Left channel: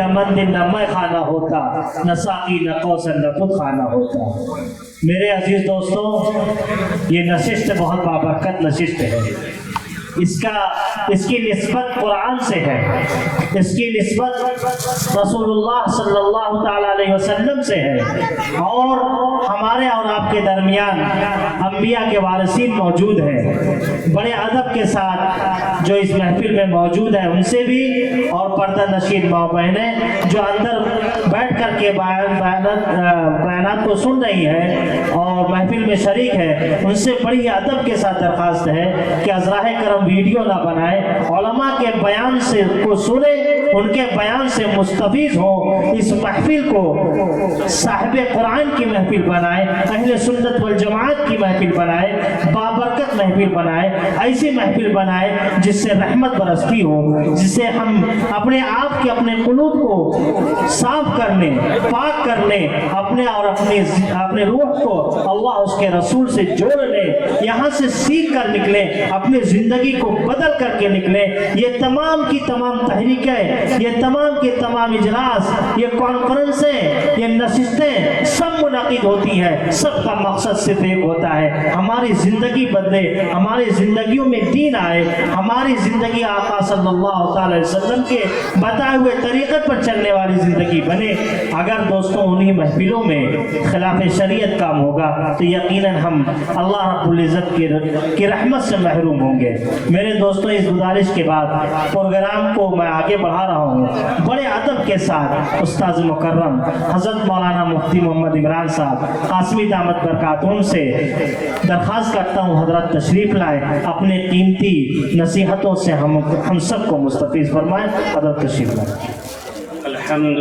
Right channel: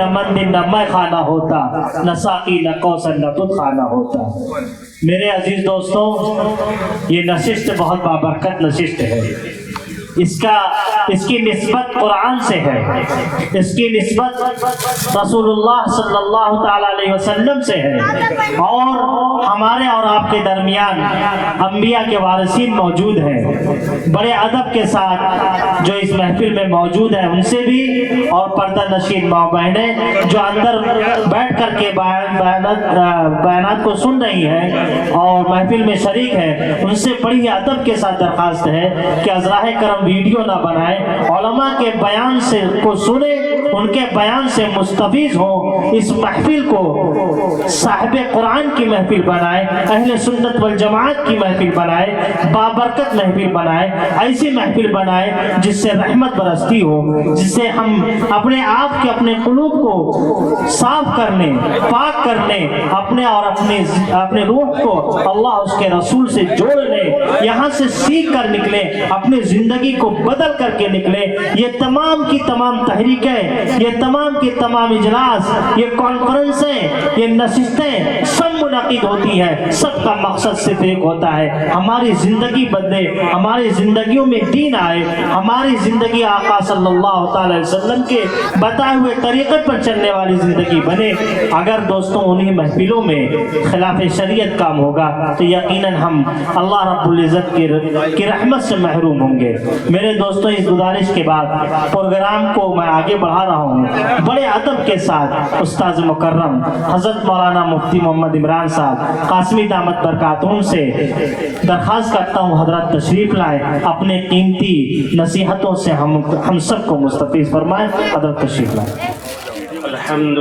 نہ مندر نہ میں خانہ ہوتا، نہ ساقی نہ کوثر نہ تجھ خانہ ہوتا۔ میرے عزیز دوستوں، یہ نشست بہت بابرکت نشست ہے۔ اس کی نسبت قرآن سے ہے، اس کی نسبت رسول اللہ صلی اللہ تعالی علیہ وسلم سے ہے، اور ہمارے اور آپ کے درمیان انبیاء کے وارثین موجود ہیں۔ بڑے ادب کے ساتھ جو اس محفل میں موجود ہیں ان سے بھی، اور پردہ نشین ماں بہنیں جو اندر بیٹھ کر کے بیانات کو سن رہی ہیں اور محفل میں شریک ہے، ان سے بڑی ادب کے ساتھ درخواست ہے کہ ازراہ کرم ویڈیو نہ بنائیں، علماء کے بیان سے کو سنیں، ان کے بیان سے مستفیض ہوں۔ اس محفل کو صاحب قرآن کی محفل بنائیں، اہل سنت والجماعت کی محفل بنائیں، بابرکت محفل بنائیں، ایسی محفل بنائیں جس سے رحمت برستی ہو، جس سے ہم اپنے آپ کے اپنے قلوب کو صاف کرنے، پاک کرنے، اپنے اور اپنے روح کو اللہ اس کے رسول سے جوڑنے، یہاں سے سیکھ کر نکلیں، اپنی زندگی کو بدل کر کے نکلیں۔ یہ تمام کی تمام تحریکیں، یہ تمام کے تمام اجلاس، یہ کانفرنسیں، یہ نشستیں سب منعقد ہوتی ہیں، سب کا مقصد صرف ایک ہوتا ہے، ہماری زندگی بدلے، ہماری زندگیوں میں دین آئے، ہماری زندگی آقا صلی اللہ تعالی علیہ وسلم کے بتائے ہوئے طریقت پر چلنے والی زندگی بنے۔ اگر دوستوں انہی محفلوں میں خلاف شریعت کام ہوگا تو یقیناً ہم اللہ رب العزت کی رحمت سے محروم ہوں گے۔ میرے دوستوں، اس گزارش کے بعد پروگرام کو میں آگے بڑھا رہا ہوں، بڑے ادب کے ساتھ استاذ مکرم حضرت مولانا مفتی محمد عمران صاحب قاسمی دامت برکاتہم سے درخواست کرتا ہوں حضرت تشریف لائے، اپنے قیمتی نصیحتوں سے ہم سب کو مستفیض فرمائیں۔ حضرت تشریف لائے۔ الحمد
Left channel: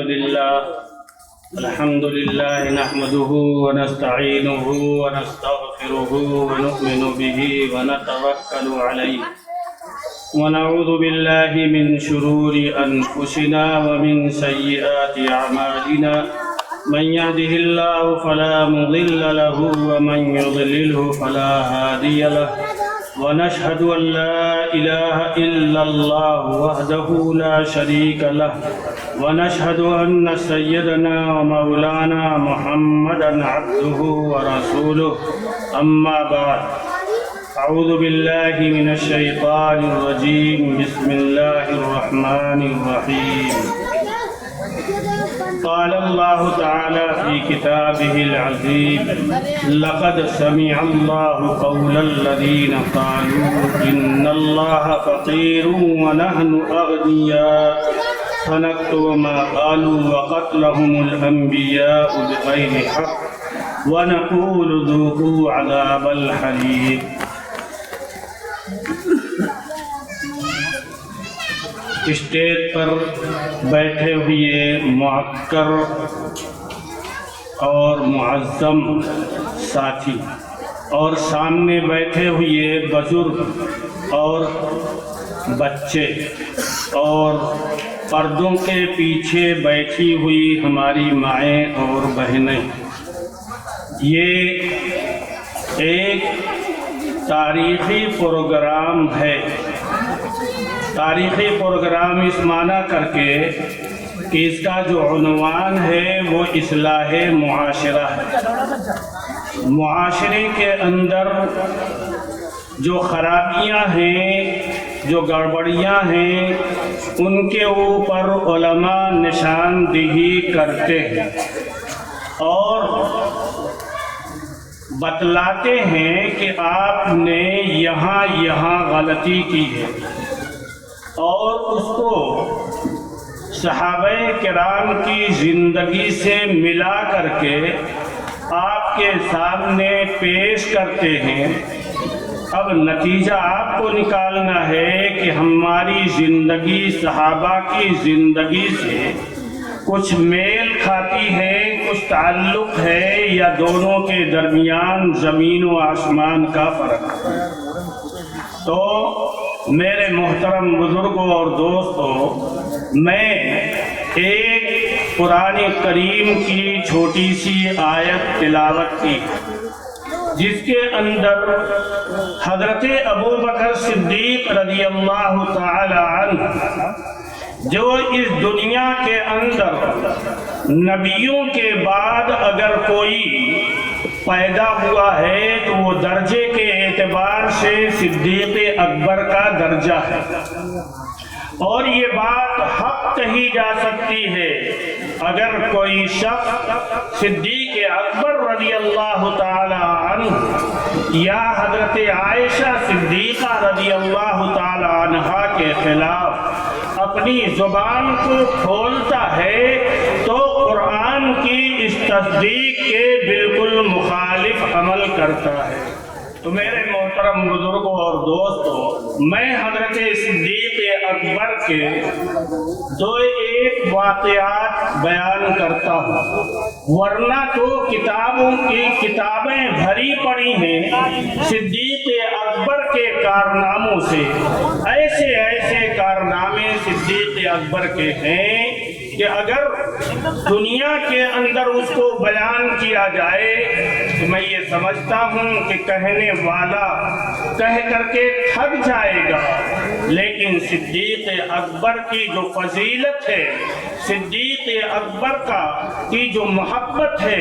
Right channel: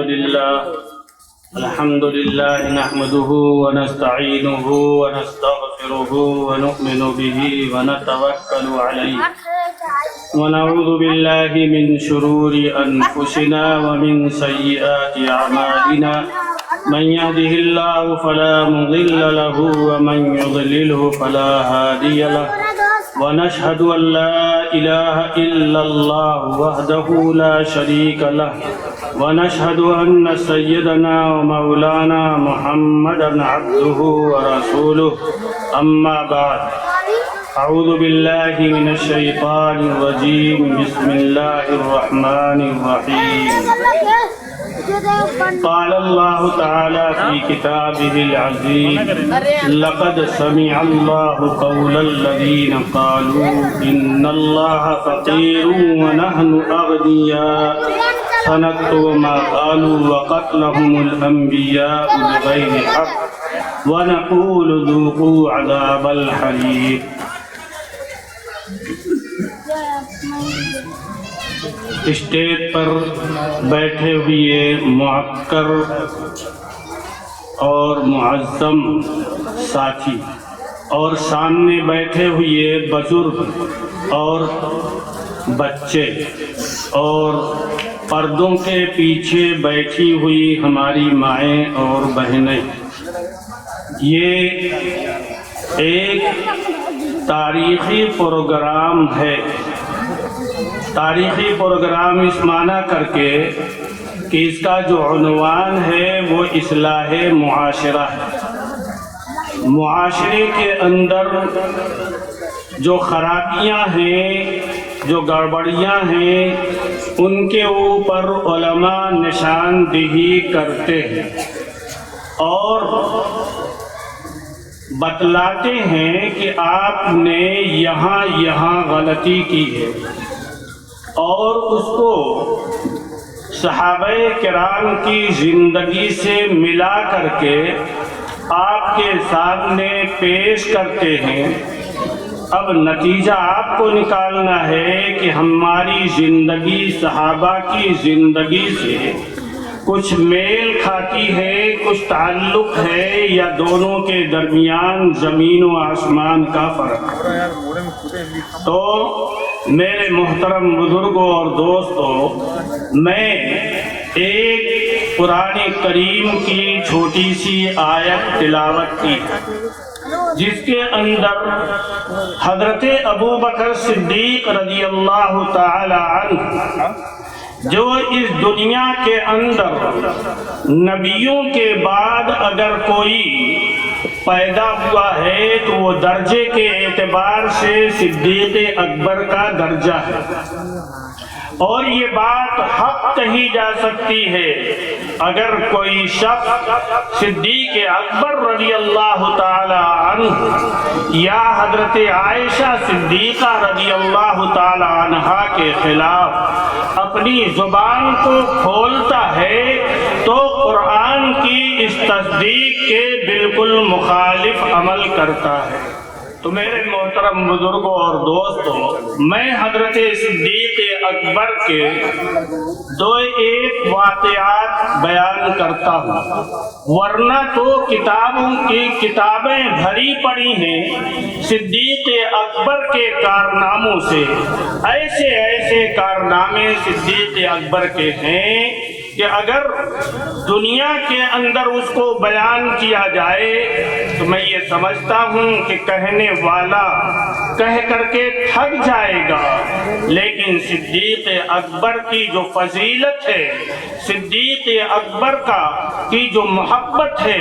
لله نحمده ونستعينه ونستغفره ونؤمن به ونتوكل عليه ونعوذ بالله من شرور أنفسنا ومن سيئات أعمالنا، من يهده الله فلا مضل له ومن يضلله فلا هادي له، ونشهد أن لا إله إلا الله وحده لا شريك له، ونشهد أن سيدنا ومولانا محمدا عبده ورسوله، أما بعد، أعوذ بالله من الشيطان الرجيم، بسم الله الرحمن الرحيم۔ قال الله تعالى في كتابه العزيز، لقد سمع الله قول الذين قالوا إن الله فقير ونحن أغنياء، سنكتب ما قالوا وقتلهم الأنبياء بغير حق ونقول ذوقوا عذاب الحريق۔ اسٹیج پر بیٹھے ہوئے معکر اور معظم ساتھی، اور سامنے بیٹھے ہوئے بزرگ اور بچے، اور پردوں کے پیچھے بیٹھی ہوئی ہماری مائیں اور بہنیں، یہ ایک تاریخی پروگرام ہے۔ تاریخی پروگرام اس معنی کر کے کہ اس کا جو عنوان ہے وہ اصلاح معاشرہ ہے۔ معاشرے کے اندر جو خرابیاں ہیں، جو گڑبڑیاں ہیں، ان کے اوپر علماء نشاندہی کرتے ہیں اور بتلاتے ہیں کہ آپ نے یہاں غلطی کی ہے، اور اس کو صحابہ کرام کی زندگی سے ملا کر کے آپ کے سامنے پیش کرتے ہیں۔ اب نتیجہ آپ کو نکالنا ہے کہ ہماری زندگی صحابہ کی زندگی سے کچھ میل کھاتی ہے، کچھ تعلق ہے، یا دونوں کے درمیان زمین و آسمان کا فرق ہے۔ تو میرے محترم بزرگوں اور دوستوں، میں ایک قرآن کریم کی چھوٹی سی آیت تلاوت کی جس کے اندر حضرت ابو بکر صدیق رضی اللہ تعالی عنہ جو اس دنیا کے اندر نبیوں کے بعد اگر کوئی پیدا ہوا ہے تو وہ درجے کے اعتبار سے صدیق اکبر کا درجہ ہے، اور یہ بات حق کہی جا سکتی ہے اگر کوئی شخص صدیق اکبر رضی اللہ تعالی عنہ یا حضرت عائشہ صدیقہ رضی اللہ تعالی عنہا کے خلاف اپنی زبان کو کھولتا ہے تو قرآن کی اس تصدیق کے بالکل مخالف عمل کرتا ہے۔ تو میرے محترم بزرگوں اور دوستوں، میں حضرت صدیق اکبر کے دو ایک واقعات بیان کرتا ہوں، ورنہ تو کتابوں کی کتابیں بھری پڑی ہیں صدیق اکبر کے کارناموں سے۔ ایسے ایسے کارنامے صدیق اکبر کے ہیں کہ اگر دنیا کے اندر اس کو بیان کیا جائے تو میں یہ سمجھتا ہوں کہ کہنے والا کہہ کر کے تھک جائے گا، لیکن صدیق اکبر کی جو فضیلت ہے، صدیق اکبر کی جو محبت ہے،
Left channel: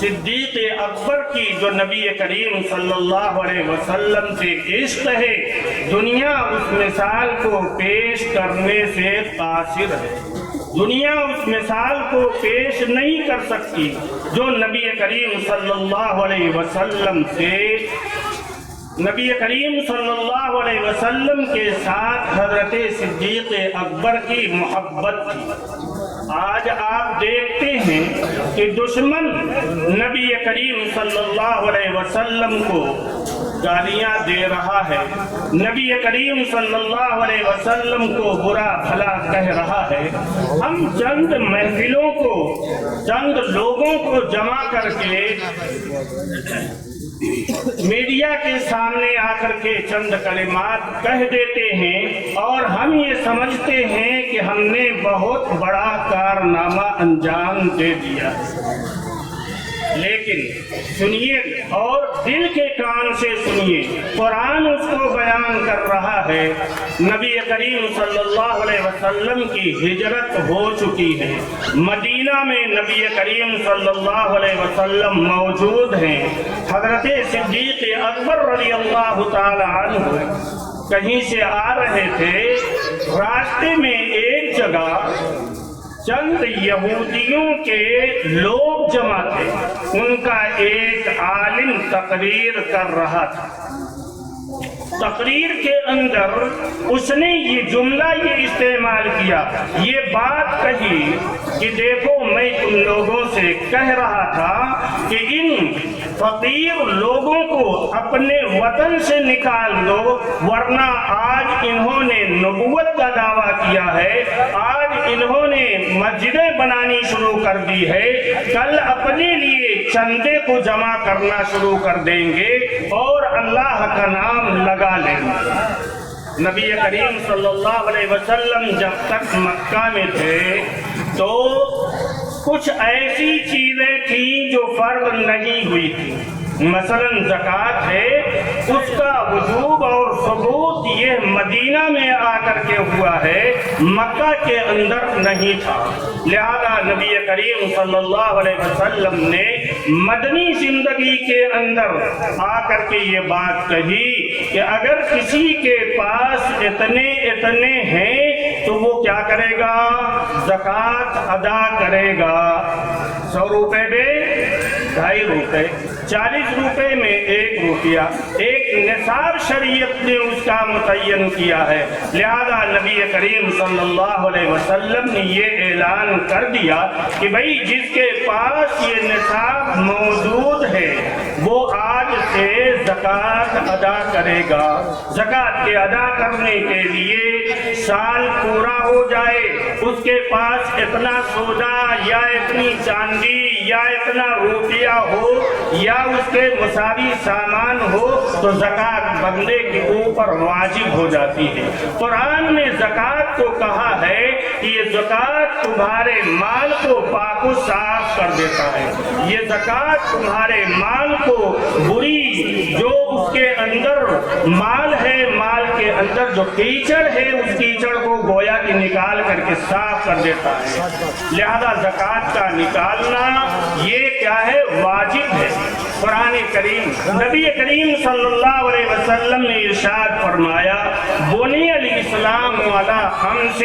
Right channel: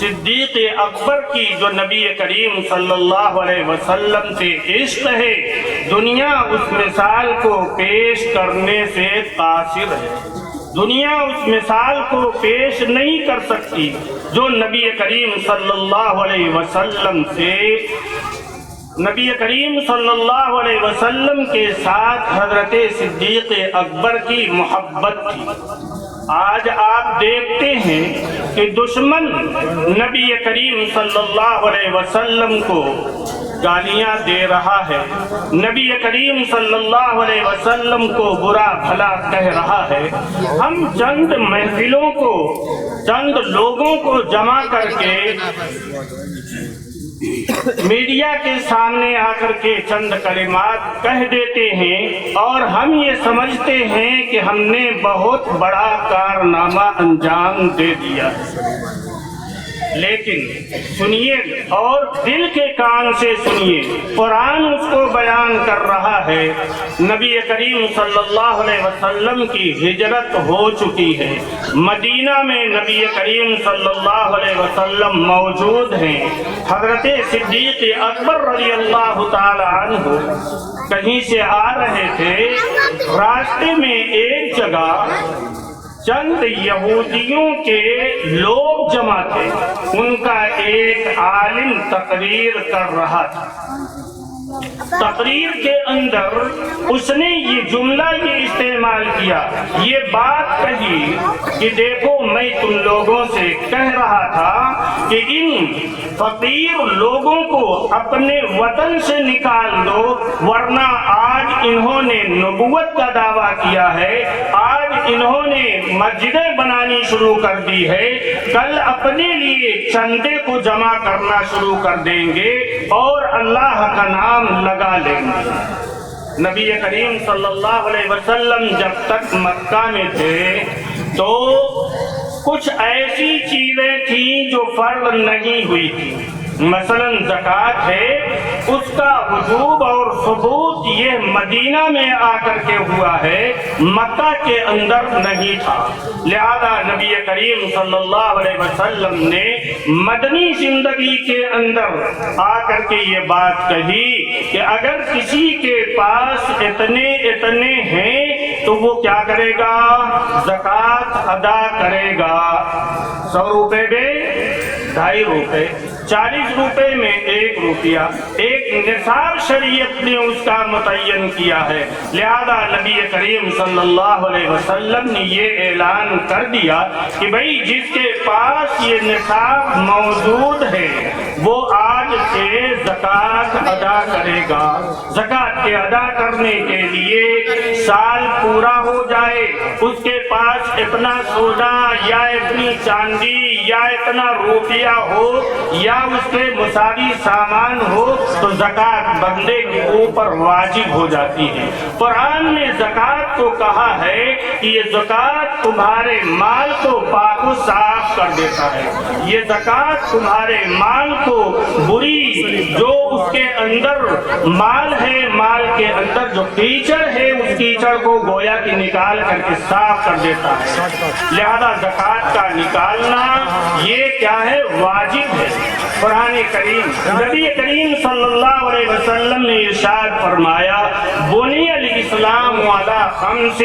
صدیق اکبر کی جو نبی کریم صلی اللہ علیہ وسلم سے عشق ہے، دنیا اس مثال کو پیش کرنے سے قاصر ہے۔ دنیا اس مثال کو پیش نہیں کر سکتی جو نبی کریم صلی اللہ علیہ وسلم سے، نبی کریم صلی اللہ علیہ وسلم کے ساتھ حضرت صدیق اکبر کی محبت تھی۔ آج آپ دیکھتے ہیں کہ دشمن نبی کریم صلی اللہ علیہ وسلم کو گالیاں دے رہا ہے، نبی کریم صلی اللہ علیہ وسلم کو برا بھلا کہہ رہا ہے۔ ہم چند محفلوں کو، چند لوگوں کو جمع کر کے میڈیا کے سامنے آ کر کے چند کلمات کہہ دیتے ہیں اور ہم یہ سمجھتے ہیں کہ ہم نے بہت بڑا کارنامہ انجام دے دیا ہے۔ لیکن سنیے اور دل کے کان سے سنیے، قرآن اس کو بیان کر رہا ہے۔ نبی کریم صلی اللہ علیہ وسلم کی ہجرت ہو چکی ہے، مدینہ میں نبی کریم صلی اللہ علیہ وسلم موجود ہیں۔ حضرت صدیق اکبر رضی اللہ تعالی عنہ کہیں سے آ رہے تھے، راستے میں ایک جگہ چند یہودیوں کے لوگ جمع تھے، ان کا ایک عالم تقریر کر رہا تھا۔ تقریر کے اندر اس نے یہ جملہ یہ استعمال کیا، یہ بات کہی کہ دیکھو میں تم لوگوں سے کہہ رہا تھا کہ ان فقیر لوگوں کو اپنے وطن سے نکال دو، ورنہ آج انہوں نے نبوت کا دعویٰ کیا ہے، آج انہوں نے مسجدیں بنانی شروع کر دی ہے، کل اپنے لیے چندے کو جمع کرنا شروع کر دیں گے اور اللہ کا نام لگا لیں گے۔ نبی کریم صلی اللہ علیہ وسلم جب تک مکہ میں تھے تو کچھ ایسی چیزیں تھیں جو فرض نہیں ہوئی تھی، مثلا زکوٰۃ ہے، اس کا وجوب اور ثبوت یہ مدینہ میں آ کر کے ہوا ہے، مکہ کے اندر نہیں تھا۔ لہذا نبی کریم صلی اللہ علیہ وسلم نے مدنی زندگی کے اندر آ کر کے یہ بات کہی کہ اگر کسی کے پاس اتنے ہیں تو وہ کیا کرے گا؟ زکوٰۃ ادا کرے گا۔ 100 روپے میں 2.5 روپے، 40 روپے میں 1 روپیہ، ایک نصاب شریعت نے اس کا متعین کیا ہے۔ لہذا نبی کریم صلی اللہ علیہ وسلم نے یہ اعلان کر دیا کہ بھئی جس کے پاس یہ نصاب موجود ہے وہ آج سے زکوٰۃ ادا کرے گا۔ زکوٰۃ کے ادا کرنے کے لیے سال پورا ہو جائے، اس کے پاس اتنا سونا یا اتنی چاندی یا اتنا روپیہ ہو یا اس کے مساوی سامان ہو تو زکوٰۃ بندے کے اوپر واجب ہو جاتی ہے۔ قرآن میں زکوٰۃ کو کہا ہے کہ یہ زکات تمہارے مال کو پاک و صاف کر دیتا ہے، یہ زکات تمہارے مال کو بری جو اس کے اندر مال ہے، مال کے اندر جو کیچڑ ہے اس کیچڑ کو گویا کہ نکال کر کے صاف کر دیتا ہے۔ لہذا زکات کا نکالنا یہ کیا ہے؟ واجب ہے۔ قرآن کریم نبی کریم صلی اللہ علیہ وسلم نے ارشاد فرمایا بنی الاسلام علی خمس،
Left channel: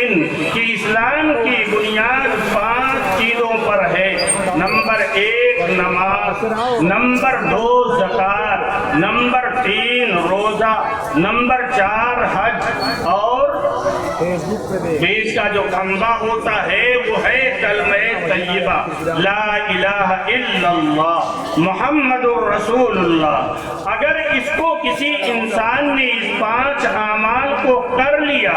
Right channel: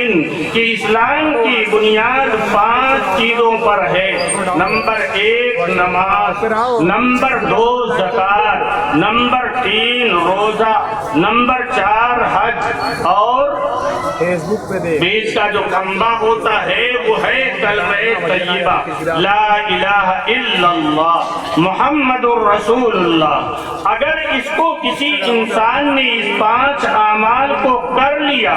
کہ اسلام کی بنیاد 5 چیزوں پر ہے۔ نمبر 1 نماز، نمبر 2 زکات، نمبر 3 روزہ، نمبر 4 حج، اور بیچ کا جو کھمبا ہوتا ہے وہ ہے کلمہ طیبہ لا الہ الا اللہ محمد الرسول اللہ۔ اگر اس کو کسی انسان نے اس 5 اعمال کو کر لیا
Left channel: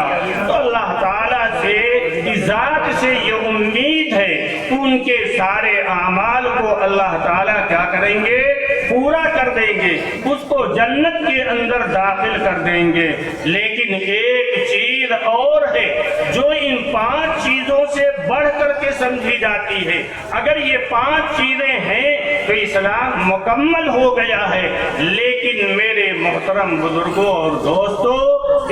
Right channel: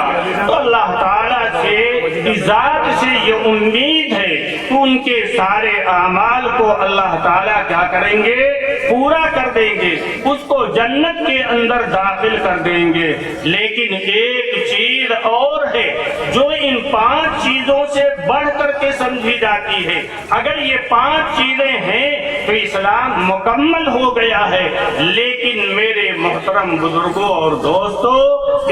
تو اللہ تعالیٰ سے ذات سے یہ امید ہے کہ ان کے سارے اعمال کو اللہ تعالیٰ کیا کریں گے؟ پورا کر دیں گے، اس کو جنت کے اندر داخل کر دیں گے۔ لیکن ایک چیز اور ہے جو ان 5 چیزوں سے بڑھ کر کے سمجھی جاتی ہے۔ اگر یہ 5 چیزیں ہیں تو اسلام مکمل ہو گیا ہے، لیکن میرے محترم بزرگوں اور دوستوں،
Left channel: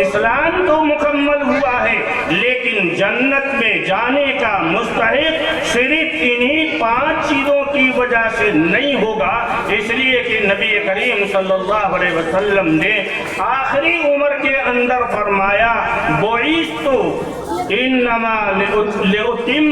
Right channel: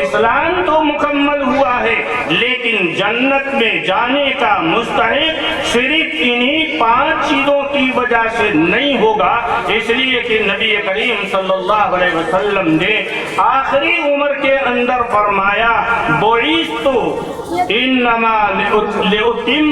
اسلام تو مکمل ہوا ہے لیکن جنت میں جانے کا مستحق صرف انہی 5 چیزوں کی وجہ سے نہیں ہوگا، اس لیے کہ نبی کریم صلی اللہ علیہ وسلم نے آخری عمر کے اندر فرمایا بعثت انما لأتم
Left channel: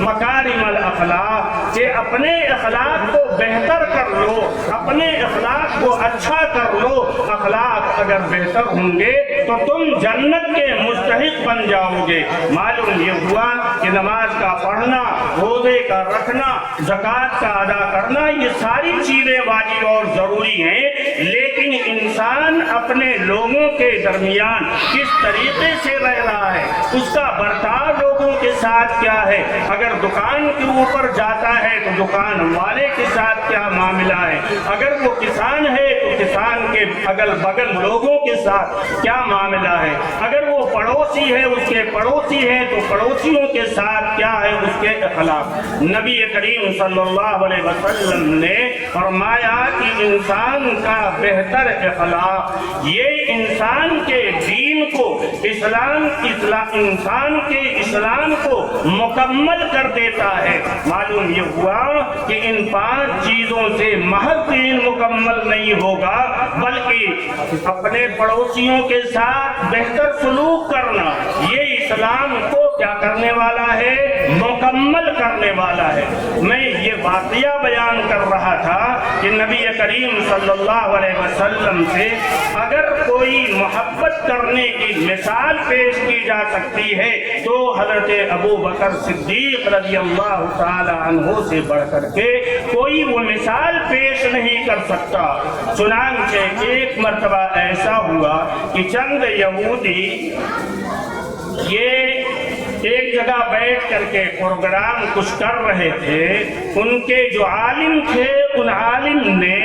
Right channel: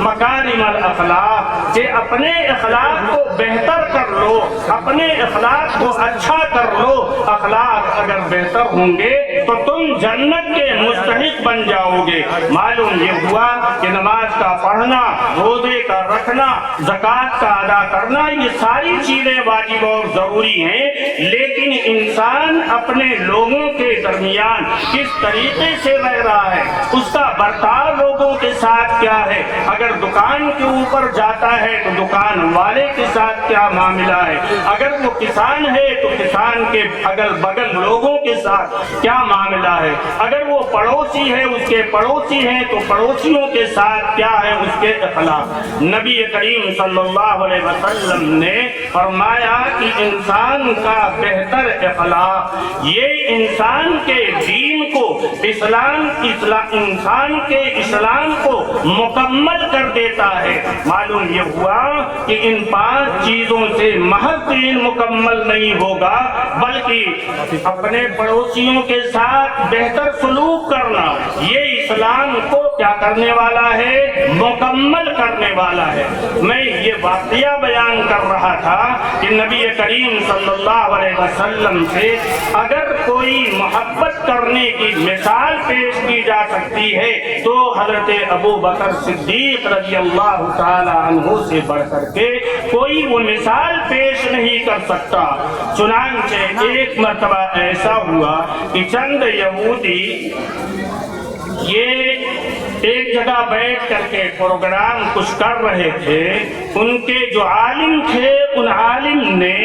مکارم الاخلاق، کہ اپنے اخلاق کو بہتر کر لو، اپنے اخلاق کو اچھا کر لو۔ اخلاق اگر بہتر ہوں گے تو تم جنت کے مستحق بن جاؤ گے۔ معلوم یہ ہوا کہ نماز کا پڑھنا، روزے کا رکھنا، زکات کا ادا کرنا، یہ ساری چیزیں واجب اور ضروری ہیں، لیکن انسان اپنے لوگوں کے درمیان کس طریقے سے رہ رہا ہے، اس کا برتاؤ لوگوں کے ساتھ کیا ہے۔ اگر دکان کے اوپر جاتا ہے تو دکان والے کے ساتھ کیا معاملہ ہے، اگر وہ کسان ہے تو کسان کے اگل بگل لوگوں کے ساتھ کیا معاملہ ہے، اگر وہ پڑوسی ہے اس کے پڑوسی ہیں تو پڑوسیوں کے ساتھ کیا ہے اس کے اخلاق۔ نبی کریم صلی اللہ علیہ وسلم نے فرمایا کہ انسان کا بہتر اخلاق یہ انسان کے دین کو، انسان کے اسلام کو مکمل کر دیتا ہے۔ معلوم یہ ہوا کہ ان 5 چیزوں سے محض دین مکمل نہیں ہوگا، بلکہ اپنے پڑوسیوں کے ساتھ بہتر سلوک کرنا یہ اسلام کو کیا کرنے والا ہے؟ مکمل کرنے والا ہے۔ میں یہ واقعہ بیان کر رہا تھا کہ نبی کریم صلی اللہ علیہ وسلم سے اگر کوئی محبت کرنے کی مثال پیش کی جا سکتی ہے تو حضرت ابو بکر صدیق رضی اللہ تعالی عنہ سے بڑھ کر کے کوئی وہ مثال پیش نہیں کر سکتا۔ چنانچہ ایک مرتبہ ایسا ہوا کہ چند یہودی یہ ایک جگہ بیٹھ کر کے پروگرام کچھ کر رہے تھے، ان کے جو عالم تھے ان عالم نے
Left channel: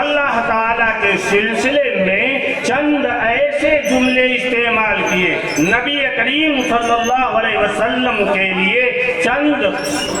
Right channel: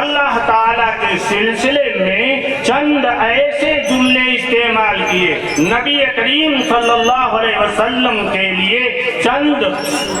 اللہ تعالیٰ کے سلسلے میں چند ایسے جملے استعمال کیے، نبی کریم صلی اللہ علیہ وسلم کے لیے چند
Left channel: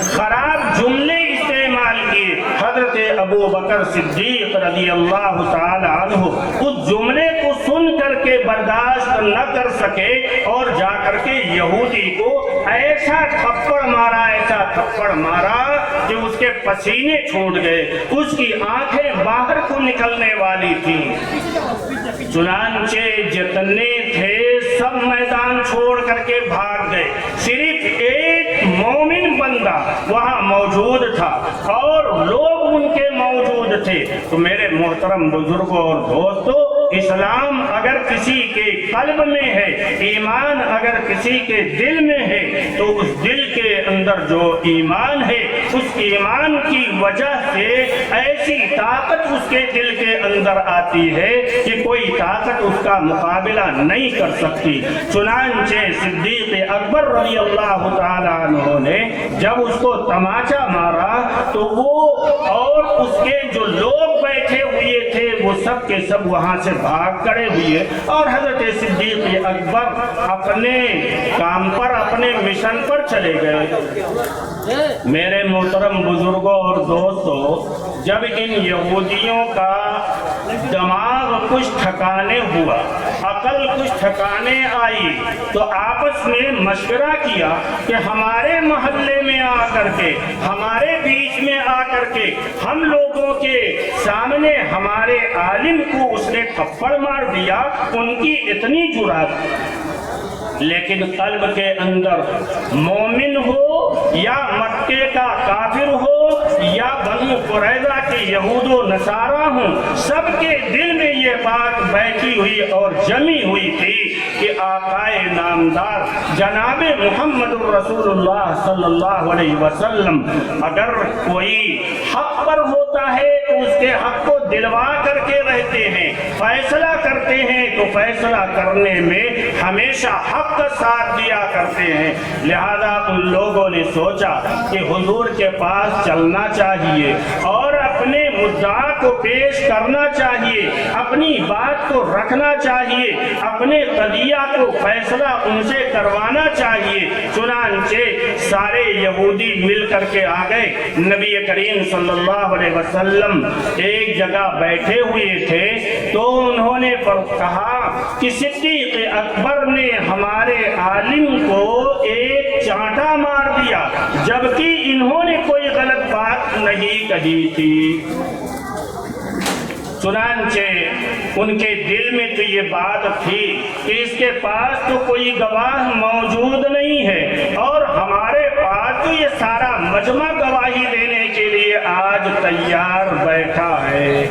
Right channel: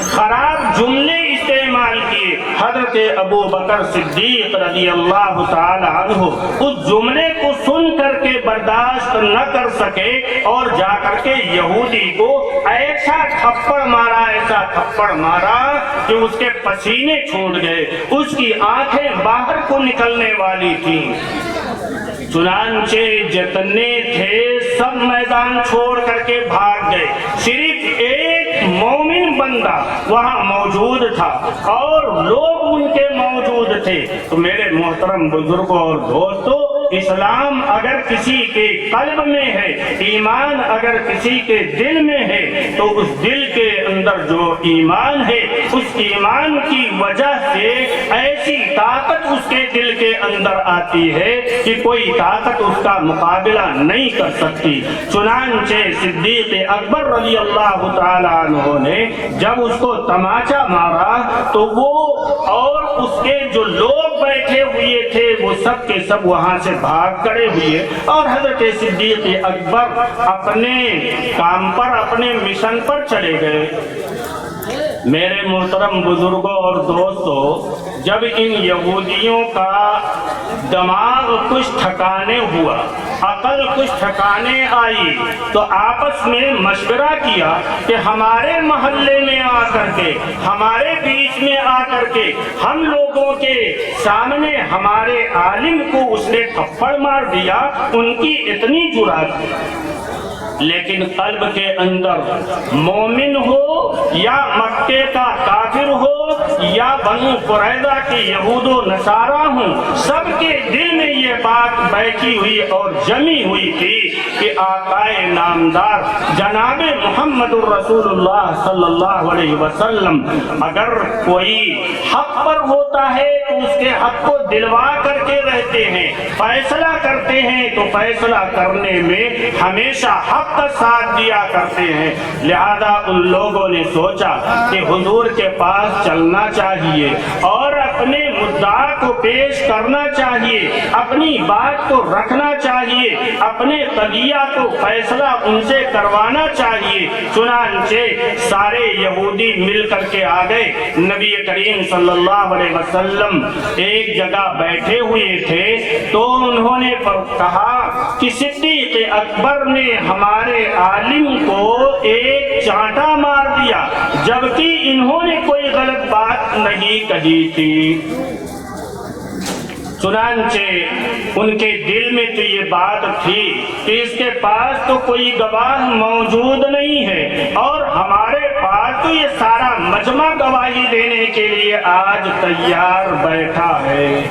خراب جملے استعمال کیے۔ حضرت ابو بکر صدیق رضی اللہ تعالی عنہ اس جملے کو سن کر کے برداشت نہ کر سکے اور جا کر کے یہودی کو ایسا تھپڑ مارا، ایسا تھپڑ مارا کہ اس کے پسینے چھوٹ گئے، اس کی آنکھیں باہر کو نکلنے والی تھیں۔ چنانچہ جتنے تھے سب میدان چھوڑ کر کے بھاگ گئے، صرف ایک مومن بندہ وہاں موجود تھا اور لوگ ان کے موجود تھے۔ تو میرے محترم بزرگوں اور دوستوں، اسلام اگر کسی کے قلب میں ہے، ایمان اگر کسی کے دل میں ہے تو اس دل کے اندر جو ایمان ہے اس ایمان کی وجہ سے ایسی طاقت اس کے دل کے اندر آتی ہے کہ کوئی طاقت اس کا مقابلہ نہیں کر سکتی۔ چنانچہ صدیق اکبر رضی اللہ تعالی عنہ نے جب اس کو تماچا مارا تو وہ اور اس کے جو لوگ بیٹھے ہوئے تھے وہ کے سب وہاں سے بھاگ کھڑے ہوئے اور حضرت صدیق اکبر اپنے کام پر، اپنے مشن پر چلے گئے۔ میرے محترم بزرگوں اور دوستوں، جب ان یہودیوں کا دماغ کچھ ٹھکانے ہوا، عقل کچھ ٹھکانے آئی، تو آپس میں مشورہ کیا کہ ہمارے محلے میں آ کر کے، ہمارے بیچ میں آ کر کے، ہم لوگوں کے سامنے ہمارے عالم کو اس نے تھپڑ مار دیا، ان کی اتنی جرأت۔ لیکن قلب کے اندر مومن ہو یا مکے کا کافر ہو یا بنو قریظہ کے یہود و نصارہ ہوں، سب کے دل میں یہ بات بیٹھی ہوئی اور جمی ہوئی تھی کہ آقائے نامدار جناب محمد الرسول اللہ صلی اللہ علیہ وسلم اگر کوئی حق پر ہوتا ہے تو اس کے حق کو دلوا کر کے رہتے ہیں، فیصلہ کرتے ہیں تو فیصلہ کرنے میں ہمیشہ حق کا ساتھ دیا کرتے ہیں۔ لہذا ان لوگوں نے سوچا کہ حضور کے پاس چلنا چاہیے اور اپنے مدعا کو پیش کرنا چاہیے، اپنی بات کو رکھنا چاہیے، اپنے قضیہ کو فیصلہ ان سے کروانا چاہیے۔ چنانچہ سارے یہودی مل کر کے آ گئے۔ نبی کریم صلی اللہ علیہ وسلم ایک جگہ بیٹھے ہوئے تھے تو انہوں نے کہا کہ صدیق اکبر نے ہمارے عالم کو ایک چانٹا مار دیا، جبکہ انہوں نے کوئی غلط بات نہیں کہی تھی۔ چنانچہ ان کے دل میں تو یہ بات تھی کہ اس کے پاس تو کوئی گواہ موجود نہیں ہے اور ہمارے پاس تو یہ سارا مجمع گواہی دینے کے لیے آج تیار بیٹھا ہے۔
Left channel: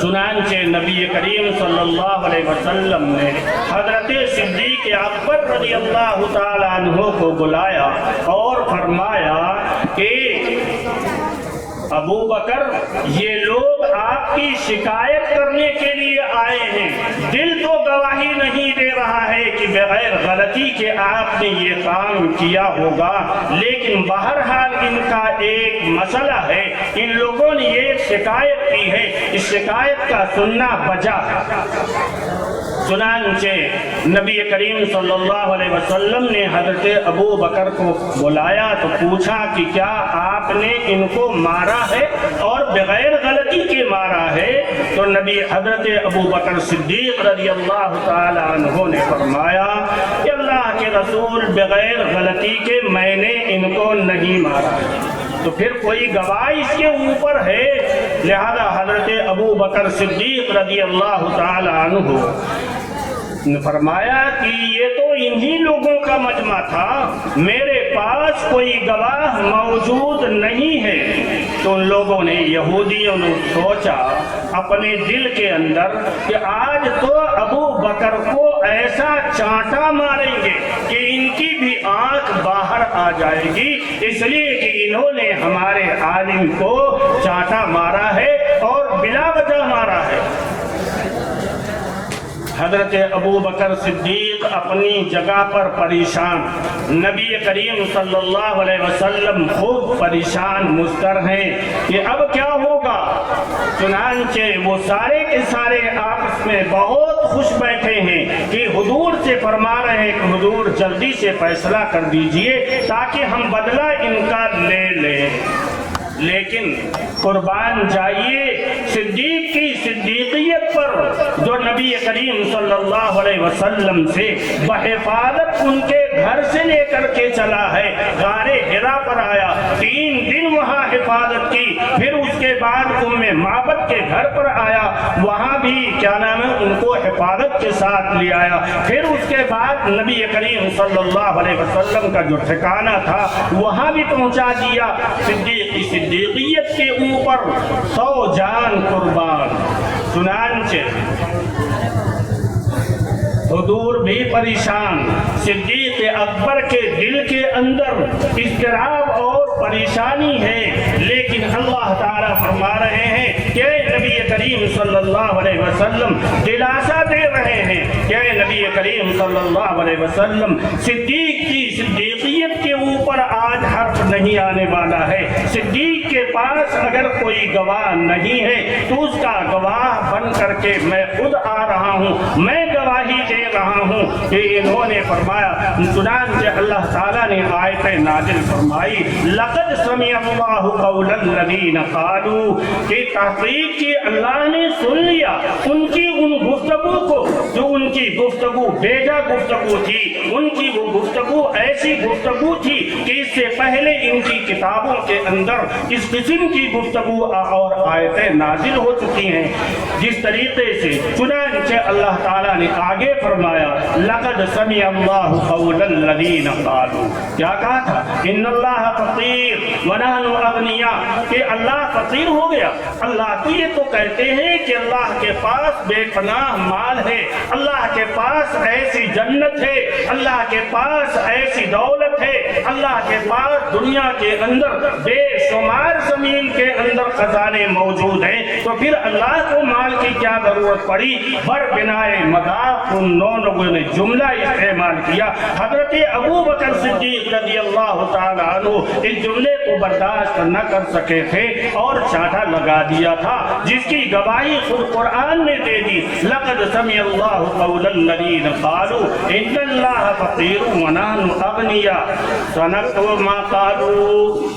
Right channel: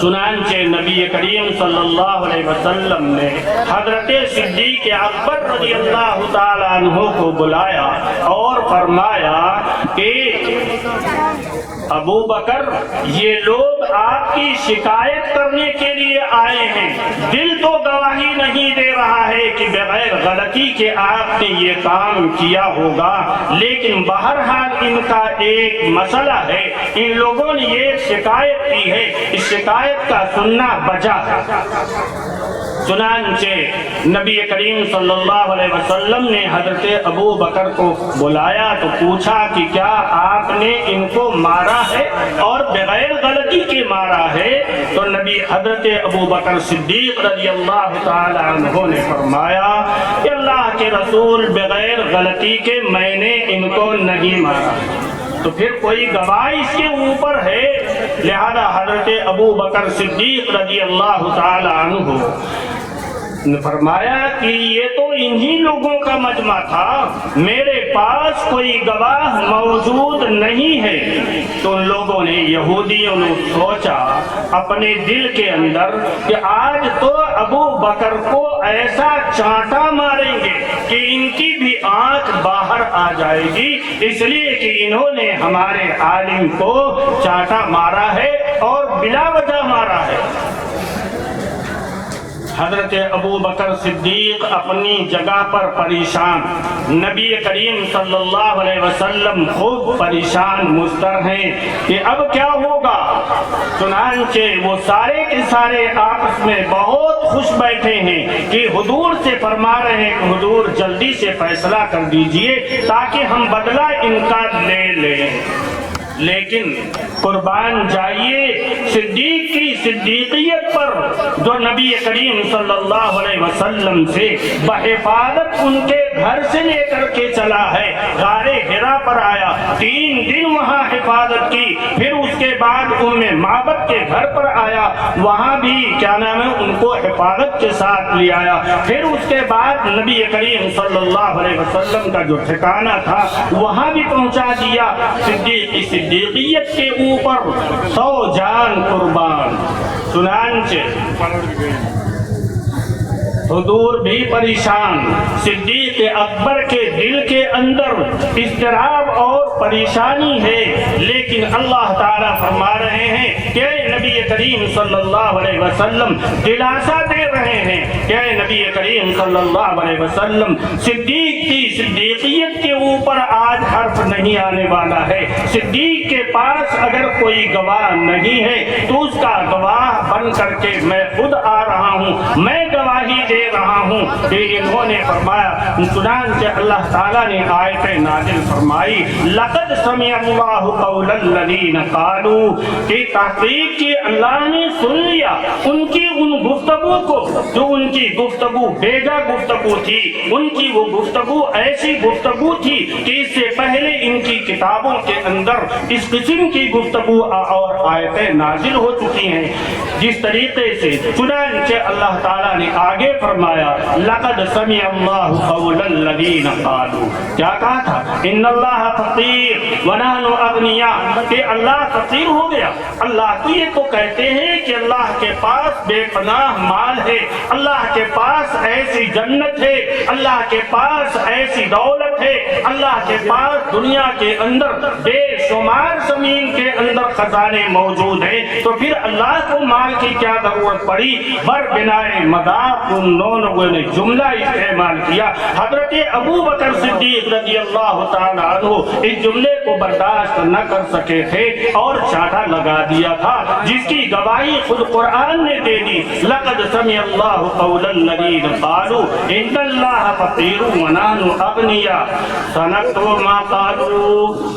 چنانچہ نبی کریم صلی اللہ علیہ وسلم نے حضرت صدیق اکبر رضی اللہ تعالیٰ عنہ کو بلایا اور فرمایا کہ ابو بکر، یہ لوگ آپ کی شکایت کرنے کے لیے آئے ہیں، دل تو گواہی نہیں دے رہا ہے کہ بغیر غلطی کے آپ نے یہ کام کیا ہوگا، لیکن بہرحال ان کا ایک مسئلہ ہے، ان لوگوں نے یہ شکایت کی ہے، اس شکایت کا سننا بجا ہے۔ چنانچہ نبی کریم صلی اللہ علیہ وسلم نے حضرت ابو بکر کو بلایا تو پوچھا کہ کیا آپ نے ان کو مارا ہے اور بغیر غلطی کے مارا ہے؟ تو نبی حضرت ابو بکر صدیق رضی اللہ تعالی عنہ نے فرمایا کہ اللہ کے رسول، بغیر غلطی کے میں نے ان کو نہیں مارا۔ تو پھر کوئی گواہ اس کے اوپر ہے؟ لہذا حضرت ابو بکر صدیق رضی اللہ تعالی عنہ نے فرمایا کہ یہ تو انہی لوگوں کا مجمع تھا، میرے پاس کوئی گواہ موجود نہیں ہے۔ تو ان لوگوں نے، یہودیوں نے سوچا اپنے دل کے اندر کہ آج تو ابو بکر کو ایسا چانٹا ماریں گے کہ ان کی بھی آنکھ باہر آ جائے گی، اس لیے کہ انہوں نے ہمارے عالم کو چانٹا مارا ہے اور بلا وجہ مارا ہے۔ حضرت ابو بکر صدیق اپنی جگہ پر پریشان، نبی کریم صلی اللہ علیہ وسلم خوب پریشان مضطر ہیں کہ اب کیا ہوگا۔ چنانچہ وہ سارے کے سارے آپس میں بہت خوش بیٹھے ہیں کہ حضور سے فرما رہے ہیں کہ حضور جلدی سے فیصلہ کر دیجئے تاکہ ہم بدلہ ان کا لے لیں۔ لیکن قربان جائیے صدیق کی صدیقیت پر، جو نبی کریم صلی اللہ علیہ وسلم سے بحفاظت ان کے گھر سے لے کر کے چلا ہے، غار حرا پر آیا، 3 دن وہاں حفاظت کی، پھر اس کے بعد معبد کے گھر پر آیا، وہاں بھی کیا نام ہے ان کو حفاظت کے ساتھ لے آیا، پھر اس کے بعد نبی کریم صلی اللہ علیہ وسلم کا جو ٹھکانہ تھا وہاں بھی پہنچا دیا۔ صدیقیت کے اوپر 100 جان قربان۔ چنانچہ حضور بھی پریشان، صدیق اکبر کے دل کے اندر اضطراب اور پریشانی ہے، لیکن اللہ تعالیٰ فرما رہے ہیں کہ نبی کریم صلی اللہ علیہ وسلم دلاسا دے رہے ہیں کہ نبی کریم صلی اللہ علیہ وسلم صدیق کی صدیقیت کے اوپر آج حرف نہیں آنے والا ہے. صدیق کے پاس اگر کوئی گواہ نہیں ہے تو اس کا گواہ بن کر کے میں خود آ رہا ہوں, میں گواہی دے رہا ہوں کہ انہوں نے فرمایا. چنانچہ اللہ تعالیٰ نے آیت نازل فرمائی لقد سمع اللہ قول الذین قالوا, کہ تحقیق کی اللہ نے سن لیا ان کی ان گفتگو کو جو ان کی گفتگو بیجا گفتگو تھی, ان کی وہ گفتگو ایسی گفتگو تھی کہ اس سے پہلے ان کی کتابوں کے اندر اس قسم کی گفتگو اور آیتیں نازل ہو چکی ہیں. جس طریقے سے چنانچہ اللہ تعالیٰ نے آگے فرمایا لقد سمع اللہ قول الذین قالوا, کیا کہا تھا, ان اللہ فقیر ونحن اغنیاء, کہ اللہ فقیر ہو گیا. اللہ تو یہ تو کہتے ہیں کہ اللہ کے پاس بے پناہ مال ہے, اللہ کے پاس ایسی جنت ہے, اللہ کے پاس ایسی دولت ہے, اللہ کے پاس دنیا کے اندر بے شمار زمین کے اندر خزانے موجود ہیں, تو پھر اللہ کو مال کی کیا ضرورت پڑی. بر بنائے مذاق ان لوگوں نے جملہ استعمال کیا. حضرت ابو بکر صدیق رضی اللہ تعالیٰ عنہ اس جملے کو برداشت نہ کر سکے تھے اور چاٹا لگا دیا تھا, جس کی گواہی خود قرآن نے دے دی. لقد سمع اللہ قول الذین قالوا ان اللہ فقیر ونحن اغنیاء سنکتب ما قالوا.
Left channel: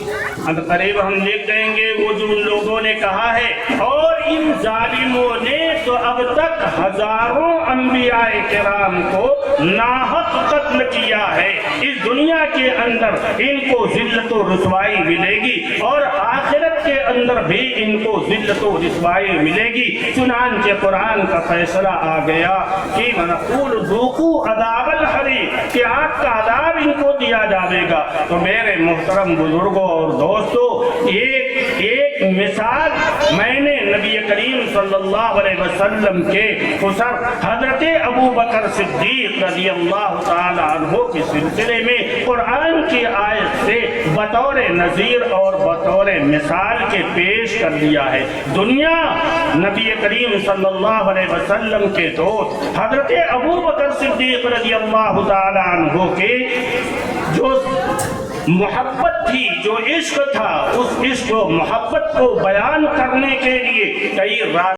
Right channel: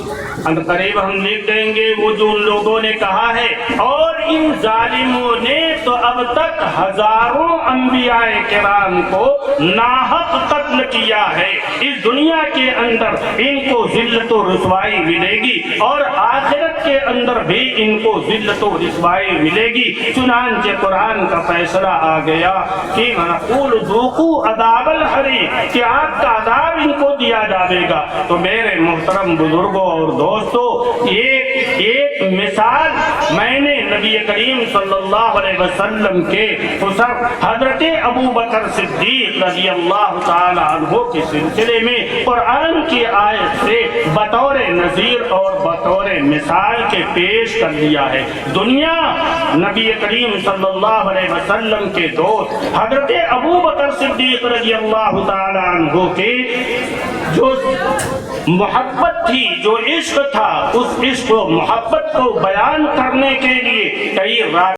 ان قریب ہم لکھ دیں گے وہ جو ان لوگوں نے کہا ہے, اور ان ظالموں نے تو اب تک ہزاروں انبیاء کرام کو ناحق قتل کیا ہے. اس دنیا کے اندر ان کو ذلت و رسوائی ملے گی اور آخرت کے اندر بھی ان کو ذلت و رسوائی ملے گی. چنانچہ قرآن کا فیصلہ آ گیا کہ نقول ذوقوا عذاب الحریق, کہ آگ کا عذاب ان کو دیا جائے گا. تو میرے محترم بزرگوں اور دوستو, ایک مثال میں نے نبی کریم صلی اللہ علیہ وسلم کے حضرت ابو بکر صدیق رضی اللہ تعالی عنہ کے سلسلے میں قرآن کی آیت سے بطور نذیر اور بطور مثال کے پیش کر دیا ہے. دنیا نبی کریم صلی اللہ علیہ وسلم کے دوست حضرت ابو بکر صدیق رضی اللہ تعالی عنہ کے جو محبت تھی, جو عشق تھا, اس عشق و محبت کو بیان کرنے کے لیے کئی رات